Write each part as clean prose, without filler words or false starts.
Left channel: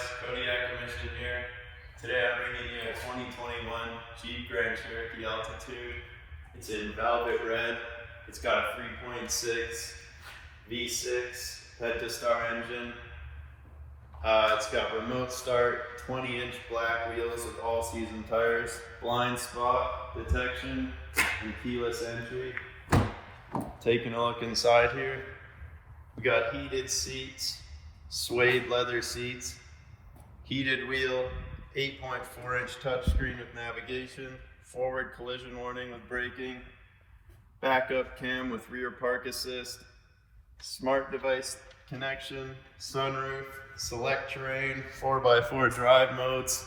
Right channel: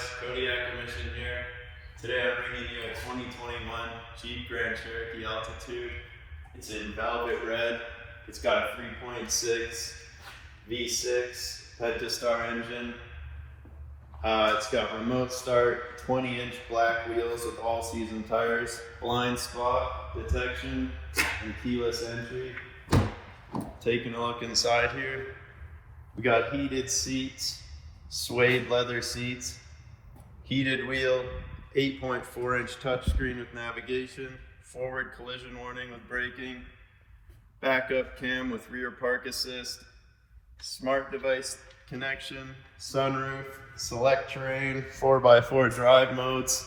guys, Cody Acquisition here. Today I'm bringing you a 2021 Jeep Grand Cherokee Altitude. It's in velvet red. It's got a 3.6 V6 Pentastar engine. It's got remote start, 20-inch black wheels with all-season tires, blind spot detection, and keyless entry. Taking a look inside here, we got heated seats, suede leather seats, heated wheel, 8.4-inch touchscreen with navigation, forward collision warning with braking, backup cam with rear park assist, smart device connection, sunroof, Selec-Terrain, 4x4 drive modes.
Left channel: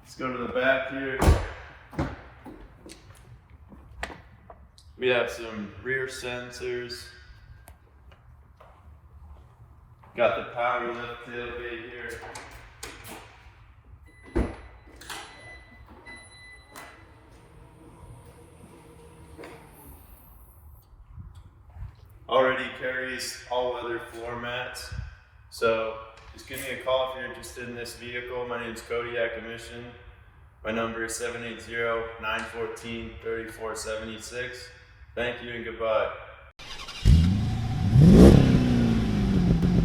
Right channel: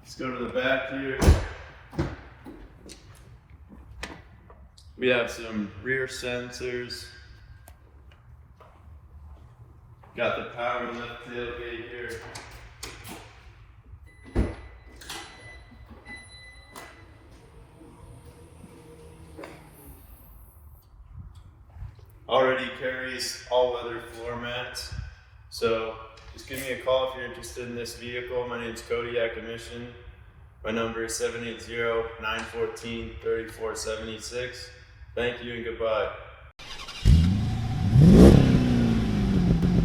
Let's go to the back here. We have some rear sensors. Got the power lift tailgate here. Already carries all-weather floor mats. So just give me a call if you're interested in this vehicle. My name is Cody Acquisition. My number is 780-914-3476. Thank you and goodbye.